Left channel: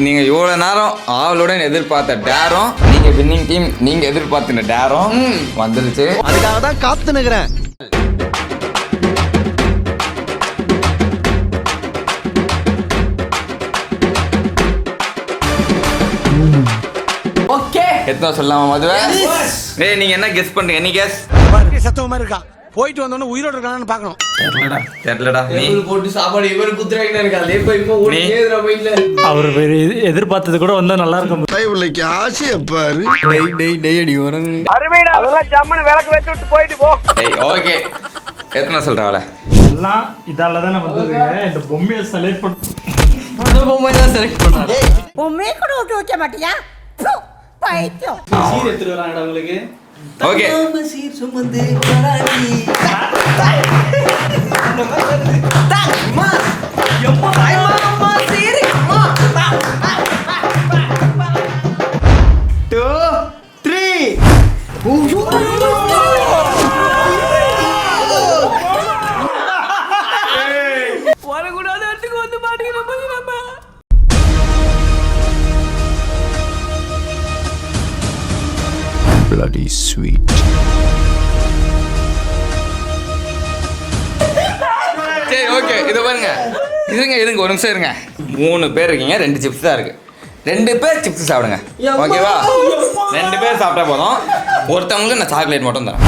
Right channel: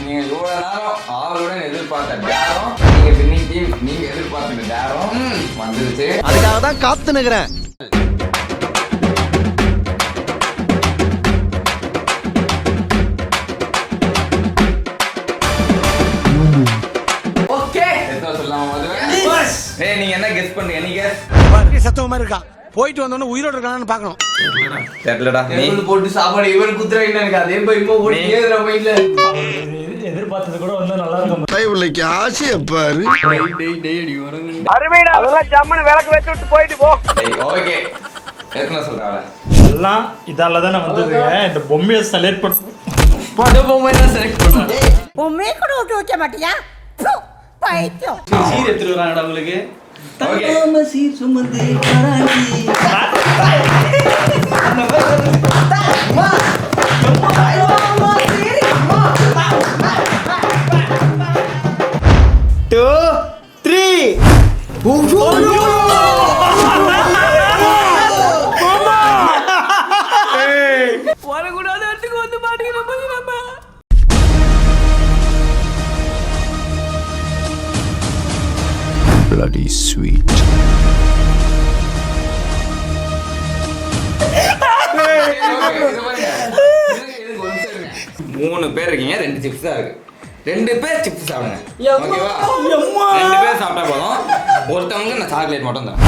நீங்க இவ்வளவு நேரம் ஆவலோட எதிர்பார்த்த டேரும் நீங்க வின்னிங் டீம் நீங்க எதிர்பார்த்த டேரும் வந்துருச்சு. அதுக்காக தான் காத்து நிக்கிறேன். ஓகே எத்தனை சொல்லலாமா மதுவை? ஏய் நீங்க என்ன கெஸ் பண்றீங்க? நீ கெஸ். சத்தமா மாதிரி இருக்கா. போயிட்டு வந்தோன்னு உயிரோட இருக்கானு பாக்கணும். தெரியலடா. நீ போட்டு சாப்பாடு இவரு குத்துறாங்க எனக்கு அதே போய் இப்போ ஓடி கேக்குற போயில. அவர் எதிர்பார்த்தது கூட வந்தா நல்லா இருக்கும். டைவலைக்கு ஆசைய பாரு. டேய் அடி வரங்க. அருமைடா. அதெல்லாம் ஜம்மன விளக்கு வச்சு விட்டு போயிட்டு போ. ஓகே. எத்தனை சொல்றாள? எல்லாம் இதால தான வந்தது. இந்த பொம்மையை செலக்ட் பண்ணி பொம்மையை செலக்ட் பண்ணா. பொம்மையை கூட விட்டு வைக்க மாட்டியா? பைத்தியம். சீர் எடுத்து வராங்கடா உங்களுக்கு. ஓகே. சீர் சுமந்து வராண்டி. வரக்கூடாத இடத்துக்கு வந்து மாட்டேங்கிறோம். Bloody sweet. சரி ஓகே. இது பாருங்க. இருங்க ஒரு நிமிஷம் இருங்க. 3 பேர் இருக்கீங்க. 2 சிப்ஸ் தான் இருக்கு. 2 பேர் சிப்ஸ் சாப்பிடுங்க. ஓகேவா? 2 பேர் சாப்பிட்டா போதும். ஒருத்தவங்களுக்கு நான் சாக்லேட் மட்டும் தரேன்.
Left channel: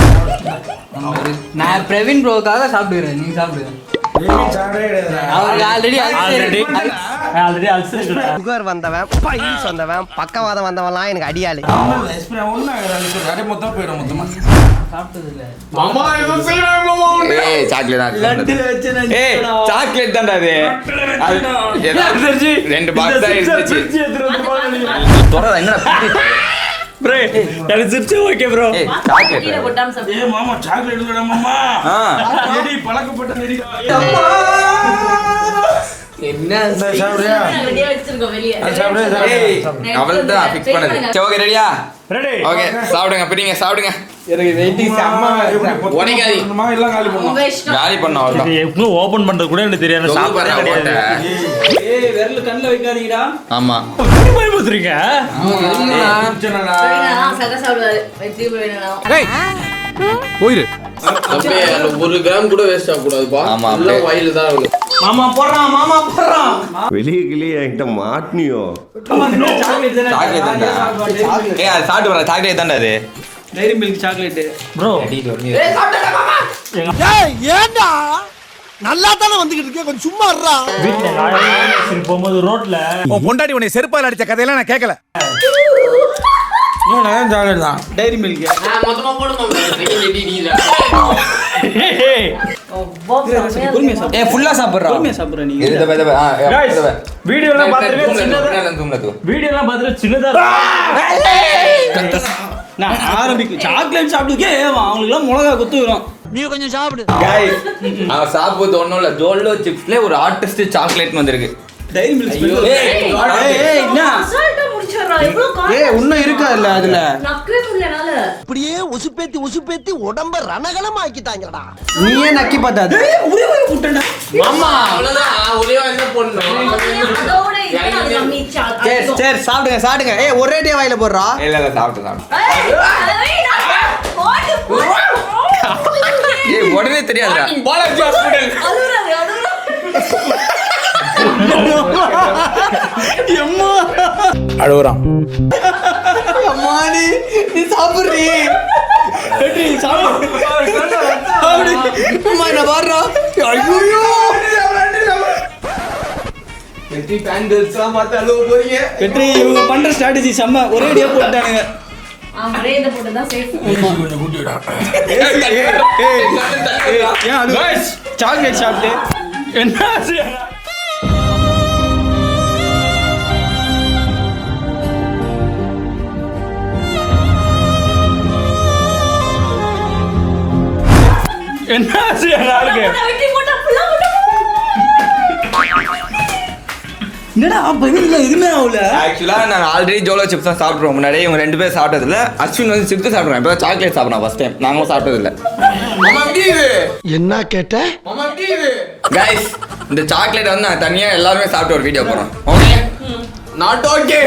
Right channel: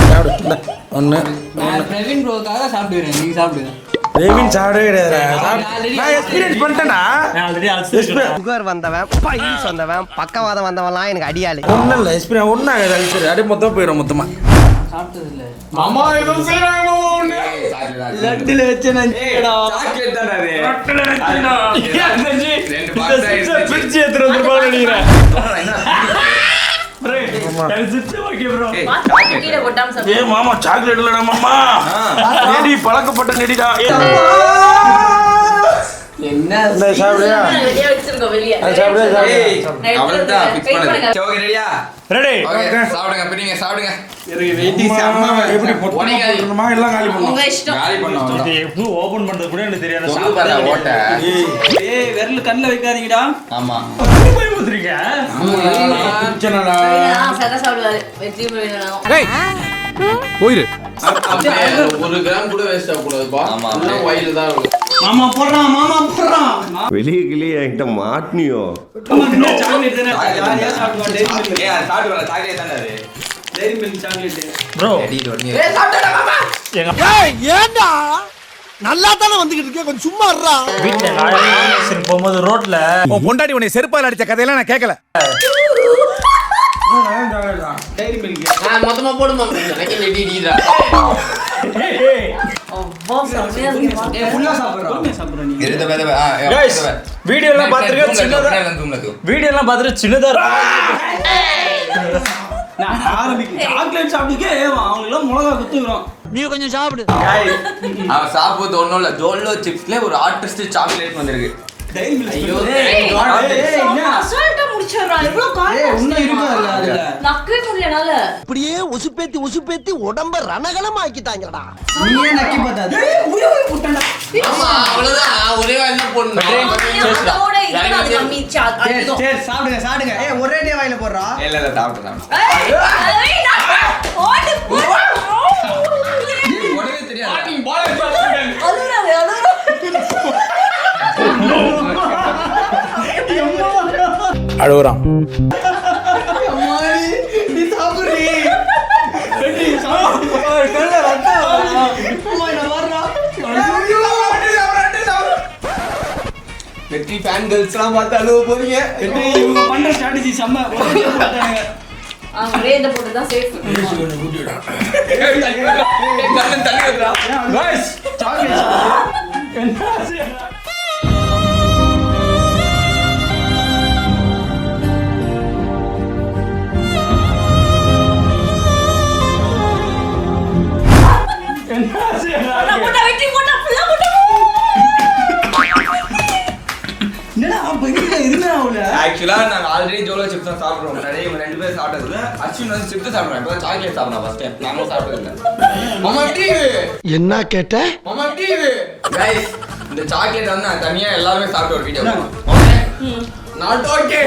ஒண்ணு. நான் பிரவீன் ப்ரோக்காக சாப்பிடுறேன். நீங்க சாப்பிடுங்க. சுகர் வந்தவன், பைல்ஸ் வந்தவன், பக்கவாதம் வந்தவன்லாம் எனக்கு அடியாளு. மொத்தம் போயிடும் மொத்தமா. சாப்பிட்டது இல்ல. மாமா இது செய்றாங்க மாமா. ஏய் சாக்லேட் லட்டுல வச்சு நான் ஏய் சாக்லேட் தான்டா அது. 2 பாக்ஸ் ஆயிடுச்சு. சிப்ஸ் எடுத்து வந்து போக நினைக்கிறேன். ப்ரோ எனக்கு சிப்ஸ் ஓகே ப்ரோ. சாக்லேட். ஏய் மாமா சாக்லேட் இல்லடா மாமா. நெடி பழக்கப்பட்ட நெடிடா. என்ன சாப்பிடுறியா? வெளிய வச்சிருக்கோம் வெளிய. சாப்பிடுறியா? ஏய் அவள்டா ஃபிக்ஸ் பண்ணு. சரி ஓகே ரெடியா? ரெடி. ஓகே சாப்பிடுங்க. பிடிங்க சாப்பிடுங்க. எனக்கு வெயிட்டி அம்மா எப்படி போடணுமா எல்லாம் காலி பண்ணனும். உங்க இஷ்டம். காலி பண்ண அவ்வளவுதான். இது எப்படி ஓபன் பண்றது கூட எனக்கு தெரியாது. சாப்பாடு போட்டேன். ஏய் விரல் கண்ணல வைக்காதீங்கடா. ஆமா. போய் போறீங்க. ஆமாடா. சக சாப்பிடுவாரு. வெற்றி போயிடணும். டேய் போயிரு. 1 கிராம் கூட வேஸ்ட் ஆக கூடாதுப்பா. ஆமா, உள்ள அப்படியே. வாயில தான் இருக்கு. மாமா போறான். வெளிய கிளியே என்கிட்ட மாட்னியோ. சாக்லேட் தானே. சாக்லேட். ஏய் அது சாப்பிட்டு வரல. சாக்லேட் தான்டா அது. Diary milk chocolate. ப்ரோ ஏய் சாப்பிட்டடா மாமா. ஏய் ஏண்டா நல்லா தான வந்துகிட்டு இருக்கே கொஞ்சம் சும்மா இருடா. வீட்ல போகும்போது ரோட்ல உன் பொண்டாட்டி உன்னை செருப்பால அடிச்ச கதையெல்லாம் நான் கேட்கல. சாக்லேட் தான். Dairy milk. மொத்தமா போடு மாமா. எனக்கு ரெடி டீடா. அப்பா செமையா இருக்கு. ஏய் ஃபுல்லா சாப்பிடுறா. பொறுமையா சாப்பிடுற நீ. இது வெத गाइस வீடியோ எல்லாம் பாத்துங்க. சின்னதா வீடியோ எல்லாம் பாத்துட்டு சின்னதா நான் ஆரம்பிக்க சாக்லேட் சாப்பிடுக்கே அவங்களுக்கு எல்லாம் மிளகா குத்துறோம். நீ கொஞ்சம் சாப்பிடு. அவ சாப்பிடுறது ஒண்ணும் இல்ல. ஜோலோ சிப்ஸ்ல ஒரு ஆர்டிஸ்ட் சாக்லேட் வந்திருக்கு. Dairy milk. ஐயோ. என்ன? அசால்ட்டா முடிச்சறா. இவ்ளோ கால். ஏய் இன்னும் இருக்கா இல்ல அதுல? நக்கவே முடியலனால. இப்படியே உசுப்பேத்தி உடம்ப ரணகலம் ஆக்கிட்டாங்கடா. நீயே நக்கி பார்த்தாத. ஏய் ஒரே புட்டடா. மாமா அவ்வளவுதான். ஒரே வாயில போடணும். அதோட இதெல்லாம் சமைச்சா. சரி சாப்பிடுங்க. ஏய் ஒரேடியா வாயில போடுறா. இல்ல சாப்பிட்டு. ஏய் உடனே தெரியாதுடா. அழுகுறான். அம்மாடி நீ சாப்பிடுறீ. வெற்றி சாப்பிடு. கண்ண ரத்தம். அம்மா நான் வர்றோம். வெற்றி ஃபேன் கேர்ள்ஸ்லாம் பார்த்து அழுவ போறீங்க. வெற்றி இவங்க பண்ற ஸ்ட்ராட்டஜி செம்ம. ஒரே போட்டானுங்க. ஒரே இந்த போட்டு தான் சேஃப். गाइस சாக்லேட் சாப்பிட்டு என்னாச்சு? என்னாச்சு? வெற்றி போட்டா ஃபுல்லா போட்டா. என்னடா பையில எதுமே ஆவல. ஆக்சுவலா நான் ஆல்ரெடி ஜோலோ சிப்ஸ் தான் சாப்பிடுறோம். முன்னாடி இவங்க 2 பேர் சாப்பிட்டதுல அஸ்வின் வந்து சிப்ஸ் சாப்பிடுறான். இப்போ சாக்லேட் சாப்பிடுறான் ஃபர்ஸ்ட் டைம். நாங்களும் சாப்பிட்டது இல்ல. மாமா டீவு. என்ன கேட்ட? மாமா டீவு. गाइस இந்த சாக்லேட் வந்து நான் தனியா எல்லாரும் சாப்பிட்டு ஒரு வீடியோ போறோம். Okay not okay.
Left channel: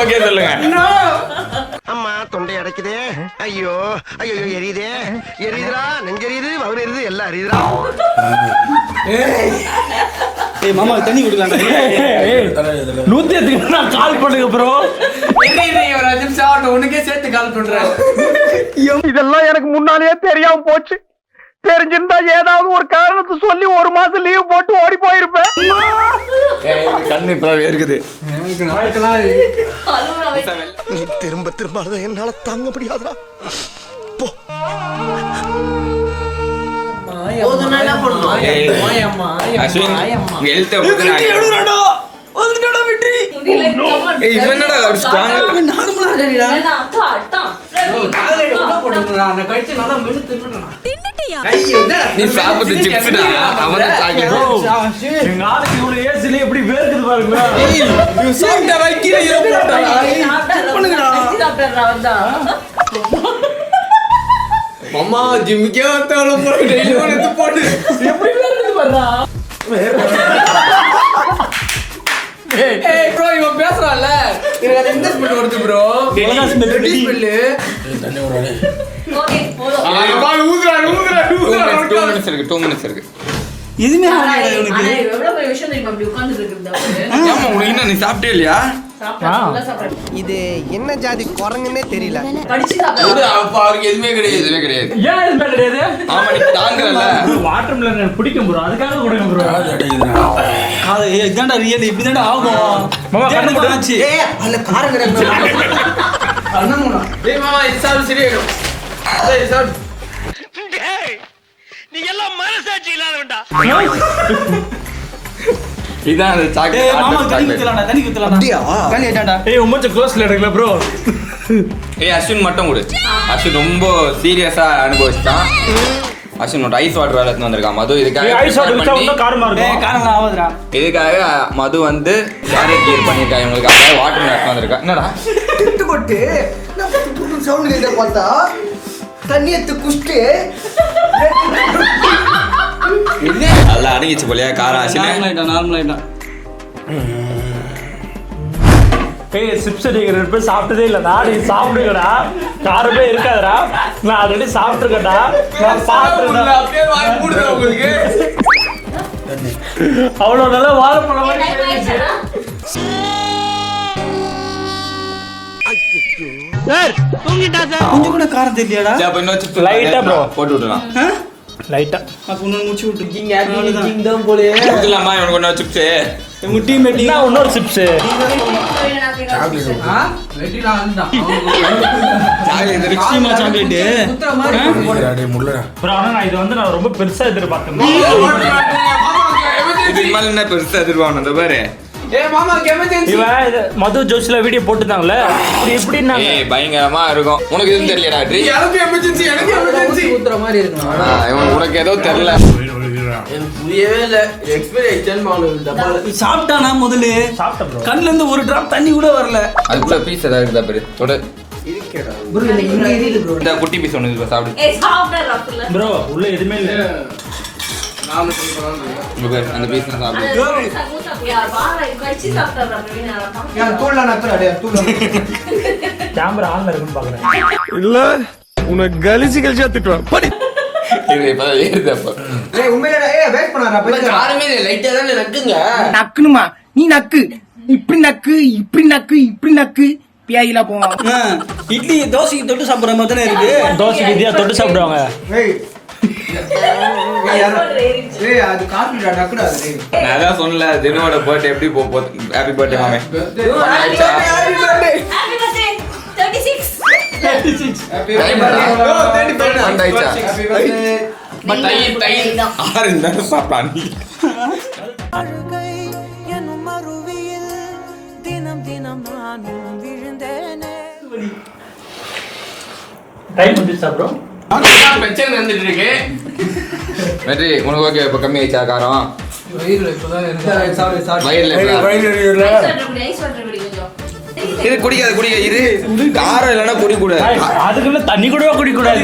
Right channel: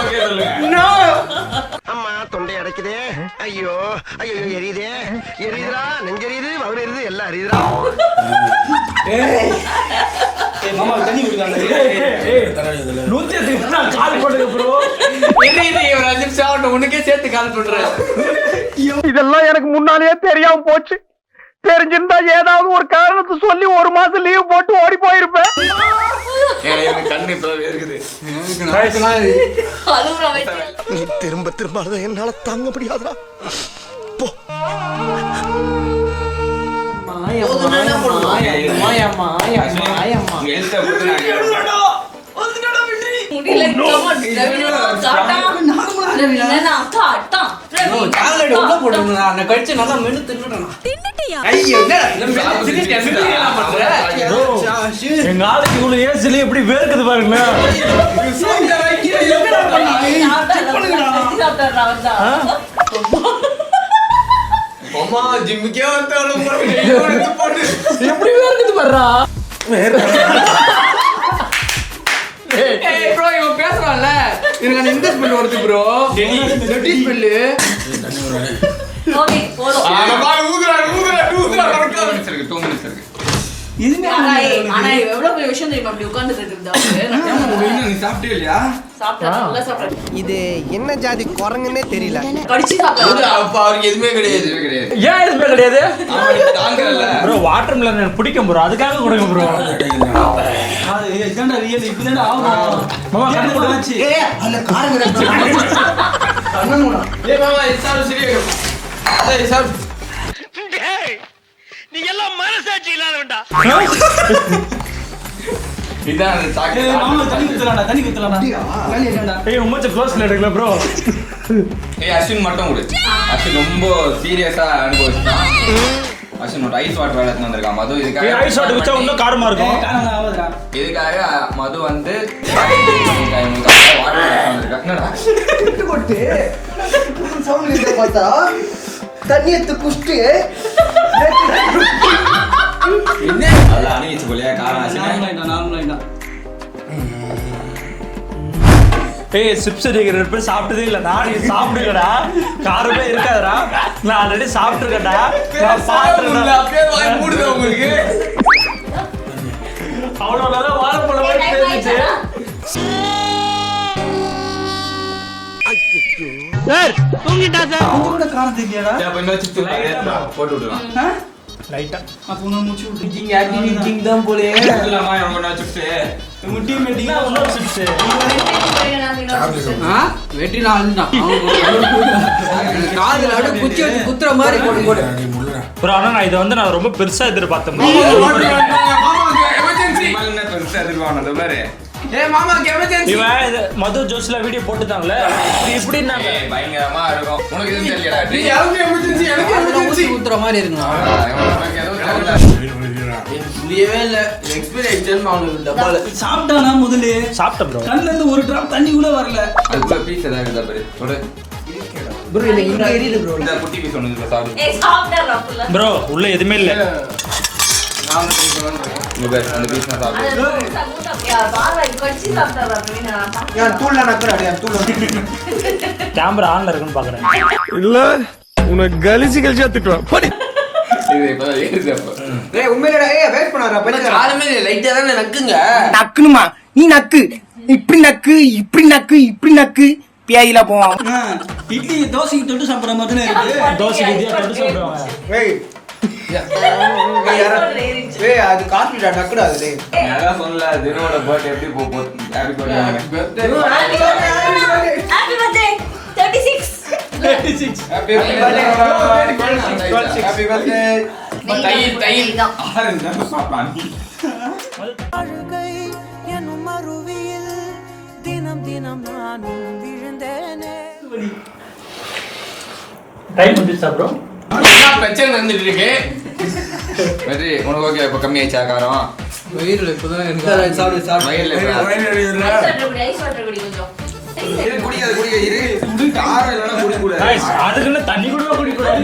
ஓகே சொல்லுங்க. நோ. அம்மா தொண்டை அடைக்குதே. ஐயோ ஐயோ எரியுதே. எரியுதுடா, நெஞ்செரியுது, வவுறு எரியுது, எல்லாம் எரியுதுடா. ஏய் மாமா தண்ணி குடிக்கலாம். 108 நான் கால் பண்ணுங்க ப்ரோ. நீ ஒரு 5 நிமிஷம் ஆகட்டும், உனக்கே சேர்த்து கால் பண்றேன். இதெல்லாம் எனக்கு முன்னாலேயே தெரியாம போச்சு. தெரிஞ்சிருந்தா ஏதாவது ஒரு காரணத்தை சொல்லி 1 மாசம் லீவ் போட்டு ஓடி போயிருப்பேன். எனக்கு கண்ணு இப்ப இருக்குது. அழுகுற வயசு. திரும்ப திரும்ப அழுத என்னால தாங்க முடியாதுடா. போ. போதுனா என்ன பண்ணுவோம்? மாயம்மா உங்க எழுத்த பத்தி நான் எழுதுடா. வந்துடா வெற்றி. இல்ல, come on. ஏய், இது என்னடா strong? நார்மலா இல்ல. இல்ல, அட்டா, அட்டா. காலடி உள்ள போடுறா. நான் கடிச்சு நல்லா மென்னு தின்னுட்டேன். தின்னுட்டியா? ஐயோ என்ன? நீ சாப்பிட்டு சிப்ஸ்டா. அவன சாக்கி bro. எங்க ஆளுக்கு இவ்வளவு ஏஜ்ல எப்படி வேர்க்குது பாருங்களேன். நீ சாப்பிட்ட வைக்கிற இருக்கடா. மாமா ஜிம்முக்கே வந்தால போடு. டெய்லி போடு. எப்படி வேர்க்குது பாருடா. ஏய் ப்ரோ இவன் பேசுறான்ல. எனக்கு அந்த இங்கிலீஷ் ஸ்பெல் வருது ப்ரோ. Ready spell. ஓகே, போதும். ஊதுறா. 2 minutes இருக்கு. இதுமே ஆனா எவ்வளவு பெரிய விஷயம் தெரியுமா அப்படி உட்கார்ந்துட்டு இருக்குது. ஏம்மா, உனக்கு என்ன நீ சாப்பிட்டே இல்லையா? சாப்பிட்டேன், நல்லா சாப்பிட்டேன். இது என்ன ஜாதி குரங்குன்னே தெரியல. கடிச்சு இது சாப்பிட்டேன். அப்ப அவருக்கு எதுவுமே கிடையாது. எதுவுமே கிடையாது. ஏன் எதுவுமே கிடையாது ஆமா, நீ தாங்கறல. ப்ரோ? வாட்டர் மெலன் எனக்கு பிடிக்கும் ப்ரோ, அதுக்காக கொடுங்க ப்ரோ. இதான்டா ரியல் இப்படிதான்டா ஆகும். மாமா கண்ணு போடாச்சு. ஏய் அதுல காரங்கடா. அண்ணனுடா. ஏய் மாமா இது சாப்பிடு சரியாயிடும். ஏய் சாப்பிடு. இதான் அந்த ஏய் மாமா தண்ணி சாக்லேட். ஊத்தலாம்டா. தண்ணி ஊத்தலாம்டா. அப்படியே ஏட்டாடா. ஏய் உம்மச்ச க்ளோஸ்ல எடுக்கல ப்ரோ. ஏய் அஸ்வின் மட்டும் கொடு. அஸ்வின் ரொம்ப சீரியஸா அனுபவிச்சான். அஸ்வின் ஒரு ஐஸ் வாட்டர் வேலை எடுத்து வந்திருக்கான். மது இதுக்காக ஏய் ஐஸ் வாட்டர் வச்சா இன்னும் காரமா ஏய் இருக்கும். காரங்கடா ஆவதுடா. இதுக்காக மது வந்து டார்கெட் கேம் பண்ணிருக்கான். இவங்களுக்காக வாட்டர் வேலை வந்திருக்கா. என்னடா திட்டு கொட்டு சவுண்ட் கேட்ட பார்த்தா தண்ணி எடுத்து குஷ்டு நல்லா அடங்கிச்சு போலியா காரம் அஸ்வின். நார்மல் ஆயிட்டா. ஏய் சிப்ஸ் அடிக்கிற ரெண்டு பேர் சாப்பிட்டதே இல்ல. நானே சாப்பிடுங்கடா, காரமே இருக்காதடா. நான் ஆல்ரெடி சாப்பிட்டுருக்கேன்டா. நான் சாப்பிட்டுருக்கேன். அப்படியே வாய் மூடுடா உங்களுக்கு. அவ்வளவு நல்லா வாழைப்பழம் மாதிரி இருந்துச்சு. இது கூட காரம் தெரியலடா. சரி, அப்ப இன்னும் chips Light ஆ bro. போட்டு விடலாம். லைட்டா அப்ப இன்னும் மூச்சு விட்டுருக்கீங்க. நீங்க தான் போலே. இல்லம்மா இவனுக்கு ஒண்ணு சிப்ஸ். முட்டி மெட்டி. என்ன இன்னொரு சிப்ஸ்? வெற்றி நான் அதுதான். குத்துற மாதிரி போடு. ப்ரோ ஆனா நான் இதை வந்து நான் ரொம்ப பெருசா எதிர்பார்த்தேன். மாமா எமர்ஜென்சி. மேல என்ன பெருசா எதிர்பார்க்கணும் பாரு. ஏய் மாமா எமர்ஜென்சி. இவன் இது மது ஜோஸ்ல வீடியோ போட்டுட்டாங்கல்ல, அப்படி எப்படின்னாங்க. ஏய் பயங்கரமா இருக்கும். உனக்கு எதுவும் தெரியலடா. நீ யாருக்கு எமர்ஜென்சி? எனக்கு எமர்ஜென்சி. குத்துற மாதிரி இருக்கு. உனக்கு ஏதோ தெரியல. புரியவே இல்ல. எக்ஸ்பீரியன்ஸ் வாங்குது டப்பால. சாப்பிட்டானா முதல்ல? சாப்பிட்டேன் ப்ரோ. கண்ணுல இருந்து ஒரு டிராப் தண்ணி கூட வரல. அதுக்குள்ள பீஸ் ஏதாவது இருக்குதா பாரு. தொட. ப்ரோ இல்ல இங்க எரியுது ப்ரோ. இந்த குட்டி பீஸ் ஒன்று இருக்கு சாப்பிடு. ஏய் சாப்பிட்டா புள்ள. ப்ரோ உள்ள எதுவுமே இல்ல. நாம ட்ரை பண்ணலாம். இது அந்த பீஸ் தான் சாப்பிடு. ஏன் தூள்ல நக்கறாடே தூள்ல கேமரா ஆன்ல இருக்குன்னு பாக்குறேன். இல்ல உனக்கு கலிச்சு திட்டுவேன். படி. இது இப்ப ஏறுது அப்போ. ஏய் உண்மையிலேடா ஏய் வெயிட் பண்ணாரா பையன் காரமே இல்ல லைட்டா தானே நக்குங்க. நக்குனுமா நீ நக்கு இப்படி நக்கு இப்படி நக்கு இப்படி நக்கு பியாயில போவான். இட்லி தோசைக்கு தொட்டு சாப்பிடுற மாதிரி தானே இருக்கு. தோசை விதியா தொட்டு சாப்பிடுவாங்க. ஏய் ஏய் அது காப்பிடா நக்குடா அது டேய் நான் அதான் சொன்னல தினோட பர்த்டே எப்படி போகுது. ஹாப்பி பர்த்டே வாங்க. Happy birthday happy birthday. But தை ஆறு இருந்தாலும் சாப்பிட்டான். அழுகை எனும் அருவியில் தினம் தினம் நானும் விழுந்தேனே. டைம் வந்துச்சா ப்ரோ? பிரச்சனை வந்துட்டு இருக்கு. வெற்றி உனக்கு ஓகே இப்ப கம்மி ஆயிடுச்சா காரம்? வயிறுல இப்பதான் இருக்கு. சாப்பிடு வயிறுல இது குடிக்காது இது காரம் இல்லைன்னா குடிக்கூடாது. Guys, அதுக்குன்னு தண்ணி கூட குடிக்க கூடாது.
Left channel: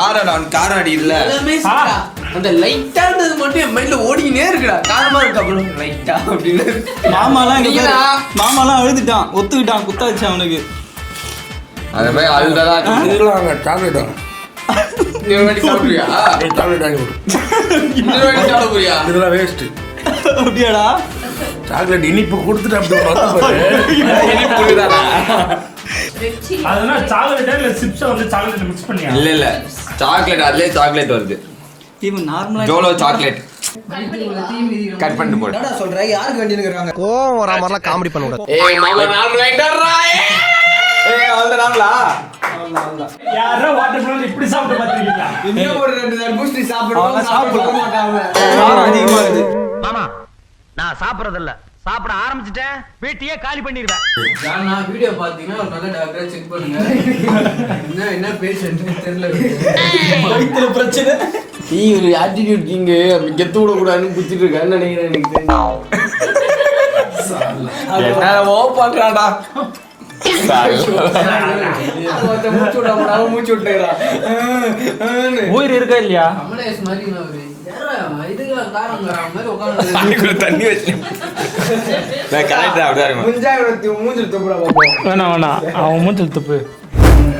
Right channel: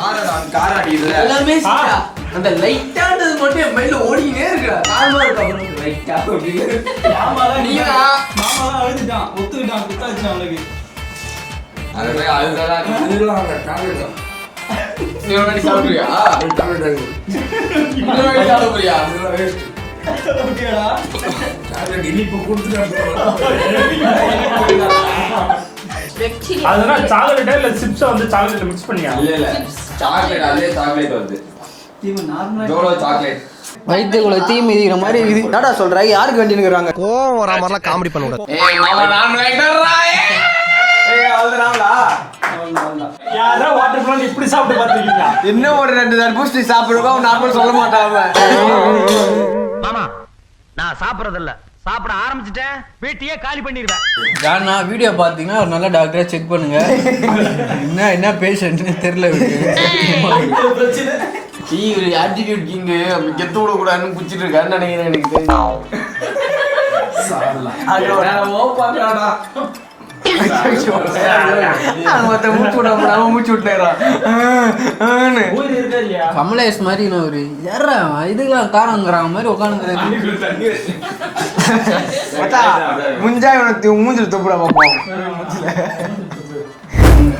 காரம் நான் காரம் அடி இல்ல. எல்லாமே ஆ, சாப்பிட்டா. அந்த லைட்டானது மட்டும் என் மைண்ட்ல ஓடிக்கினே இருக்குடா. காலமா இருக்கு அப்புறம் லைட்டா அப்படின்னு. மாமாலாம் அழுதுட்டான், ஒத்துக்கிட்டான், குத்தாச்சு அவனுக்கு. அந்த மாதிரி அழுதான் டாப்லெட் இன்னொரு வாட்டி சாப்பிடுறியா? டாப்லெட் வாங்கி கொடு. இன்னொரு வாட்டி சாப்பிடுறியா? இதெல்லாம் வேஸ்ட். அப்படியாடா? டாப்லெட் இனிப்பு கொடுத்துட்டு அதெல்லாம் சாக்லேட் இல்ல சிப்ஸ் வந்து சாக்லேட் மிக்ஸ் பண்ணியா? இல்ல சாக்லேட் அதுலயே சாக்லேட் வருது. இவன் நார்மலா ஜோலோ சாக்லேட். வயிற்றுக்குள்ள தீ மிதிக்கிற மாதிரி இது என்னடா சொல்றாங்க? யாருக்கு வேண்டினுக்குறாங்க? கோவம் வர மாதிரிலாம் காமெடி பண்ண கூடாது. ஏய் மாமா நார்மல் ஆயிட்டறா. ஏய் அவ்வளவுதான்டா. யாரோ வாட்டர் மெலன் இப்படி சாப்பிட்டு பாத்தீங்களா? இன்னும் ஒரு 2 தர்பூசணி சாப்பிடுவோம். நாம சொல்ல மாட்டாங்க. மாமா நான் சாப்பிடறதில்ல, சாப்பிட ஆரம்பிச்சிட்டேன் வீட்டையே காலி பண்ணிடுவேன். யாருன்னா வீடியோ பாத்தீங்கன்னா ஒரு நல்ல டாக்டரா செக் பண்ணுங்க. என்ன பேஷண்ட்னு தெரியல. பிரச்சனை. நீ ஒரு ஆட்டிடியூட் கிங் கெத்து விட கூடாதுன்னு குச்சிட்டு இருக்கான்னு நினைக்கிறேன். எனக்கு தெரியும் பண்றாடா. மூச்சு விடாம மூச்சு விட்டுறான். உயிர் இருக்கா இல்லையா? கமலேஷ் மாதிரி நான் ஒரு இதுக்கெல்லாம் காரங்கிற மாதிரி உட்காந்து தண்ணி வச்சு முஞ்சா மூஞ்சி துப்புற வேணாம் வேணாம், அவன் மூச்சில் துப்பு.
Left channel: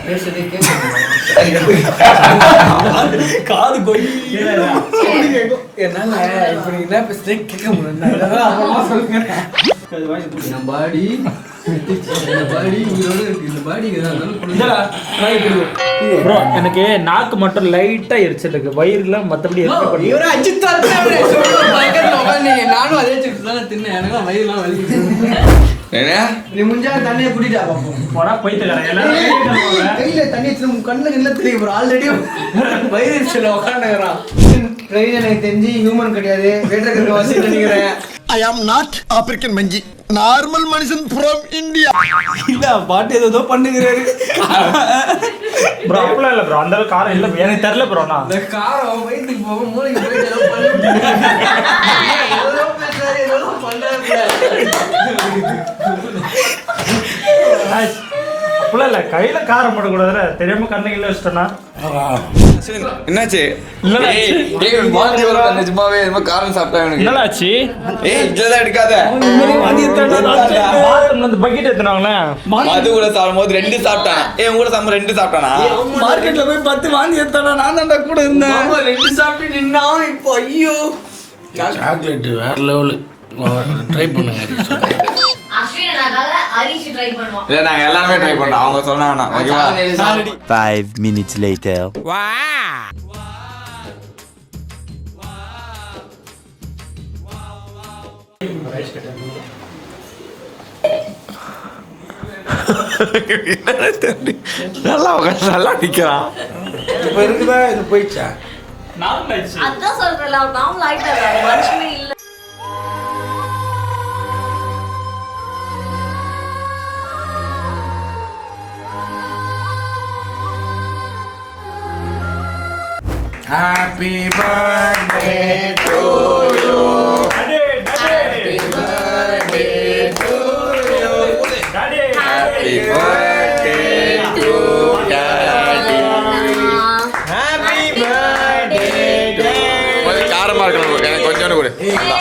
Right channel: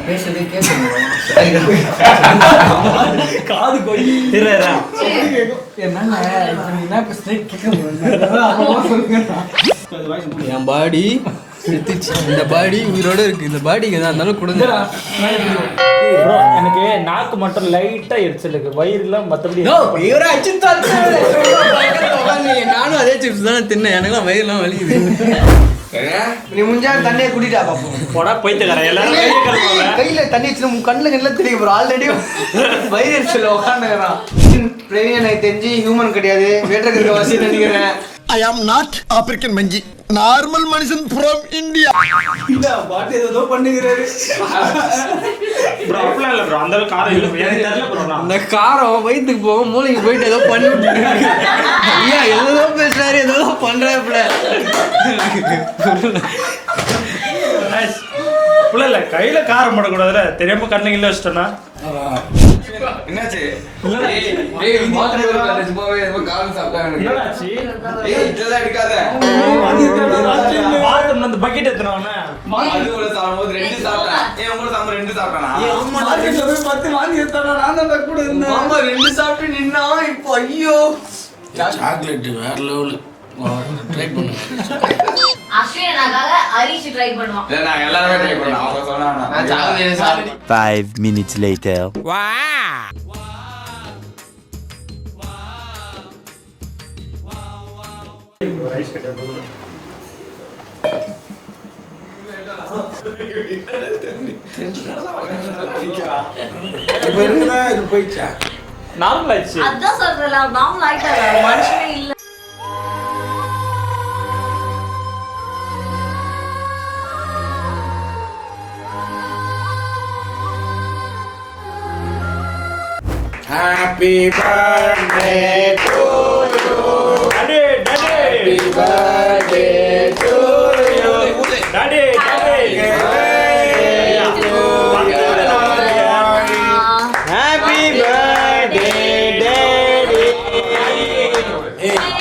பேசுறதே கேட்க காது கொய். என்னால இப்ப நீ என்ன பேசுறதே கேட்க முடியல. என் பாடி இந்த பாடி உயிரோட இருக்கு. இந்த பாடிக்கு தான் இருந்தாலும் கொடுங்க. ப்ரோ எனக்கு நாக்கு மட்டும் லைட்டா எரிச்சல் இருக்கு, வயிறுல மத்தபடி இவரே அஜித் நானும் அதே சிப்ஸ் தான் தின்னேன். எனக்குலாம் வயிறுலாம் வலிக்குது. நீ முஞ்சால தண்ணியை குடிட்டா பாப்போம். போனா போயிட்டு எல்லாரும் கையில தண்ணி வச்சு கண்ணுல எல்லாம் தெரியும் ப்ரோ. ஆல்ரெடி வயிறு எரிச்சல் உட்காந்துக்கிறான். பிரவீன் எனக்கு தெரிஞ்சு ஹியூமன் கிடையாது, வேட்டருக்கு வாசி நினைக்கிறேன். I am not African Manjhi, normal மனுஷன் from India. இல்ல பாட்டு ஏதோ பண்ணுகிறாரு. ப்ரோ அப்படிலாம் இல்ல ப்ரோ, அந்த அளவுக்கு காரம் இல்ல bro. எனக்கு தெரியல ப்ரோ. நான் இந்த காரம் வயிற்றுக்கு போக மூளைக்கு போயிட்டு ஏதோ பண்ணிட்டு ஏதோ பேசுறாரு, ஏதோ பண்றாரு. அப்படிலாம் இல்ல, கையில காரம் போடக்கூடாதுல, தெரியாம கண்ணுல வச்சிட்டோம்னா என்னாச்சு? இல்ல சும்மாவே எதுவும் காரம் சாப்பிட்டா எனக்கு. என்னடாச்சு? ஏய் இதெல்லாம் எடுக்காத. அந்த பக்கெட் எடுத்துனாங்களே, அது கூட சாப்பிடும்போது 2 சாப்பிட்டேன். ஏய் உங்களை சாப்பிட 2 சாப்பிட்டானா? மார்க்கெட்ல போய் 10 வாங்கி எடுத்தானா? நான் தான் கூட இருந்தேன். ஆமா 2 சாப்பிட்டு நின்னா இப்போ ஐயோ. சாக்லேட் வேற லெவல். ட்ரை பண்ணுங்க. அஸ்வினாக்காக ஹரிஷ் ட்ரை பண்ணுவான். இல்ல நாங்க எல்லாரும் ட்ரை பண்ணோம். அவங்க சொன்னாங்க. 5 minutes later. நல்லா நிக்கிறான். இப்ப இருக்குதா இது போயிடுச்சா? நார்மல் ஆயிடுச்சு. அதான் சொல்றேன்ல, நார்மல் ஆயிட்டாரு, மனுஷனே இல்ல. Happy birthday to you. Daddy, Daddy. Happy birthday to you. Daddy, Daddy. Happy birthday to you. காரமா இருக்கு bro. எனக்கு கொஞ்சம் கொடு.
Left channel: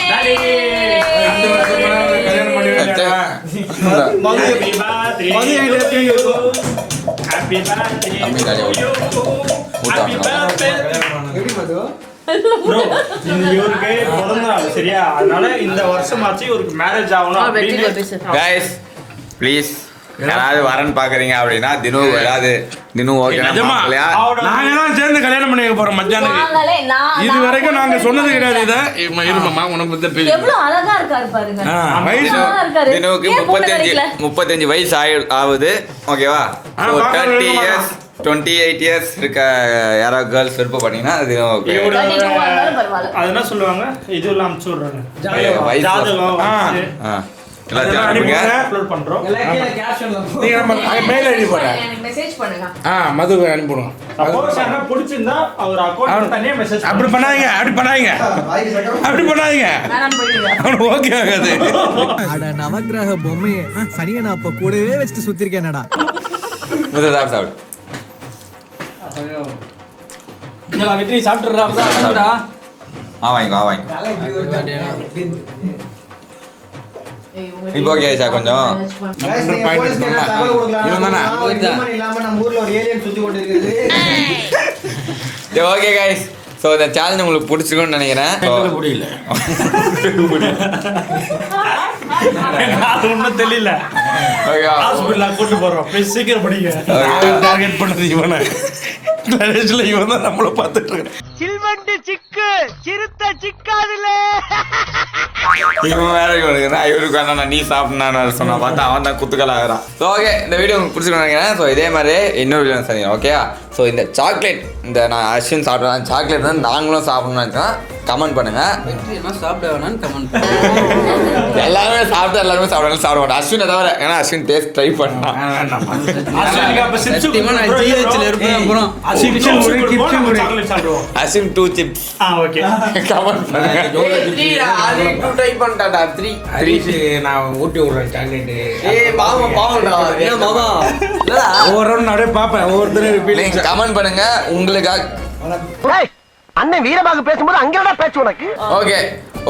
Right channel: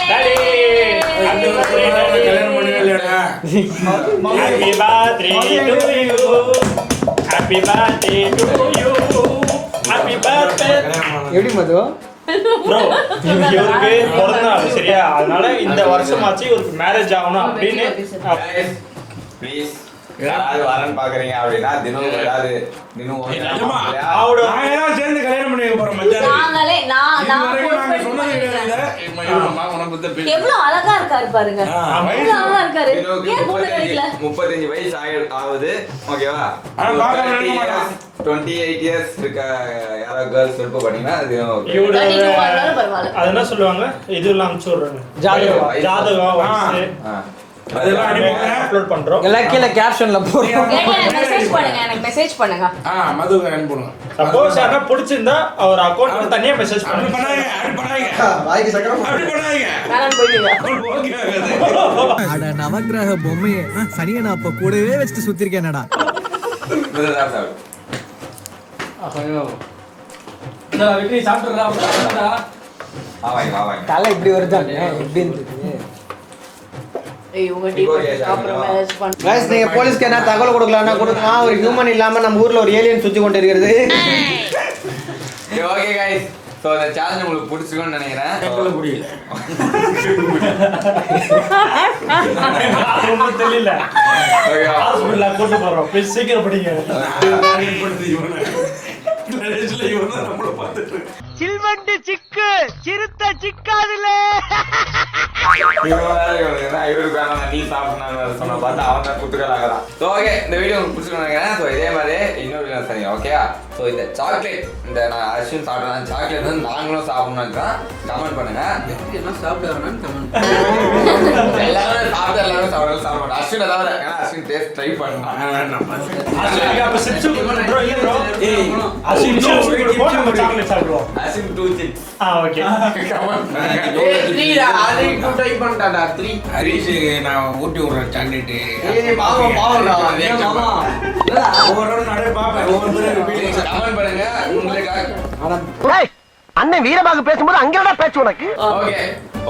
Daddy. Happy birthday to you. Happy birthday to you. Happy birthday. எப்படி மது? ப்ரோ இவருக்கு பிறந்த சரியா, அதனால இந்த வருஷமாச்சு இவருக்கு மேரேஜ் ஆகணும் அப்படின்னு. கைஸ் ப்ளீஸ் யாராவது வரன்னு பாக்குறீங்க அப்படின்னா தினு வராது. தினு ஓகேனா பாக்கலையா? நாங்க எல்லாம் சேர்ந்து கல்யாணம் பண்ணி வைக்க போறோம் மத்தியானம். நாங்களே இது வரைக்கும் நாங்க சொன்னது கிடையாது. இத இருமா உனக்கு பத்தி பேசு. எவ்வளவு அழகா இருக்காரு பாருங்க. எவ்வளவு அழகா இருக்காரு. தினுவுக்கு ஏன் கூப்பிட்டு 35 வயசு ஆகுது. ஓகேவா? 30 இயர்ஸ் 28 இயர்ஸ் இருக்க யாராவது கேர்ள்ஸ் விருப்பம் பண்ணீங்கன்னா அது ஓகே. பரவாயில்ல. அது என்ன சொல்லுவாங்க, இதுல அனுப்பிச்சு விடுறாங்க வயசு. ஜாதகம் வயசு அப்லோட் பண்றோம். எல்லாம் கீழ கேப்ஷன்ல போடுங்க. எனக்கு மெசேஜ் பண்ணுங்க. மது அனுப்புறோம். சப்போஸ் யாரா பிடிச்சிருந்தா அவர் அக்கவுண்ட் தனியா மெசேஜ் அப்படி பண்ணாங்க. அப்படி பண்ணாங்க. வேணாம் போயிடுங்க. ஓகே ஆகாது. அட நவக்கிரக பொம்மையே சனியனை அப்ப கூடவே வச்சுட்டு சுத்திருக்கேனடா. முதல்ல சாப்பிடு. வெற்றி சாப்பிட்டுறா. வாங்க தலை இப்படி வருதா இப்படி இருந்துச்சு. ஏய் உங்க இப்போ okay ஆச்சா கொஞ்சம்? Guys, நீங்க போலீஸ்க்கு என்ன தகவல் கொடுக்கலாம்? ஹியூமன் இல்லாம நம்ம ஊர்ல ஒரு ஏலியன் சுத்தி கொண்டு இருக்கிறது. ஓகே கைஸ், ஸோ இந்த சேலஞ்ச் உங்களுக்கு பிடிச்சிருக்குன்னு நினைக்கிறேன். முடியல அது ஒன்றும் தெரியல. ஹாஸ்பிட்டலில் கூட்டு போகிறோம். போய் சீக்கிரம் படிங்க. டார்கெட் பண்ணுறது இவனை. கடைசியில் இவன் தான் நம்மளை பார்த்துட்டு இருக்கான். சில்வண்டு சிக்கு சிறுத்த சிக்காதுல. இவன் வேற இவருக்கு வேணா நீ சாப்பிடணும் சொன்னா பார்த்தா அவன் தான் குத்துக்கலாகிறான். ஸோ ஓகே, இந்த வீடியோ உங்களுக்கு பிடிச்சிருக்கோம் நினைக்கிறேன். ஸோ இதே மாதிரி இன்னொரு வீடியோ சரி ஓகே. ஸோ இந்த சாக்லேட் இந்த நான் அஸ்வின் சாப்பிட்றேன் சாக்லேட் தான் நாங்களும் சாப்பிடணும்னு நினைக்கிறேன். கமெண்ட் பண்ணுங்க. சாப்பிட வேணாம்னு கமெண்ட் பண்ணுங்க. எல்லாருமே சாப்பிடுவாங்க சாப்பிடுவாங்க அஸ்வினை தவிர. ஏன்னா அஸ்வின் டேஸ்ட் ட்ரை பண்ணான். அஸ்வினுக்கு அப்ப சிப்ஸ் நான் GH ல இருப்பேன் அப்புறம். அஸ்வின் 2 chips. ஓகே. கமெண்ட் பண்ணுங்க. ட்ரை பண்ணிட்டாடா 3. ஹரிஷ் நான் ஊட்டி விடுறேன் சாக்லேட்டு. பாவம்டா. ஏன் மாமா ஒவ்வொரு நடுவே பார்ப்பேன் ஒவ்வொருத்தரும் ஃபீலிங்ஸ். கமெண்ட் பண்ணுங்க உங்களுக்காக. அண்ணன் வீரபாகு பேசும்போது அங்கேடா பேச்சு உனக்கு. ஓகே,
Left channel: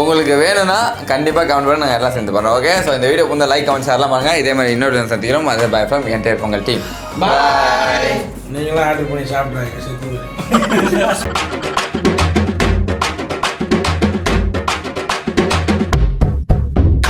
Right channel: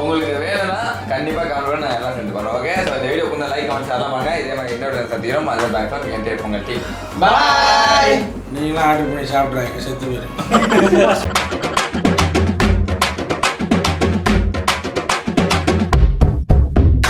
உங்களுக்கு வேணும்னா கண்டிப்பா கமெண்ட் பண்ணி நான் எல்லாம் சேர்ந்து பண்றோம். ஓகே, ஸோ இந்த வீடியோ வந்து லைக் கமெண்ட் ஷேர்லாம் பண்ணுங்க. இதே மாதிரி இன்னொரு சந்திக்கிறோம். அது by from entire Pongal team. நீங்களும் ஆர்டர் பண்ணி சாப்பிட்றேன் செத்து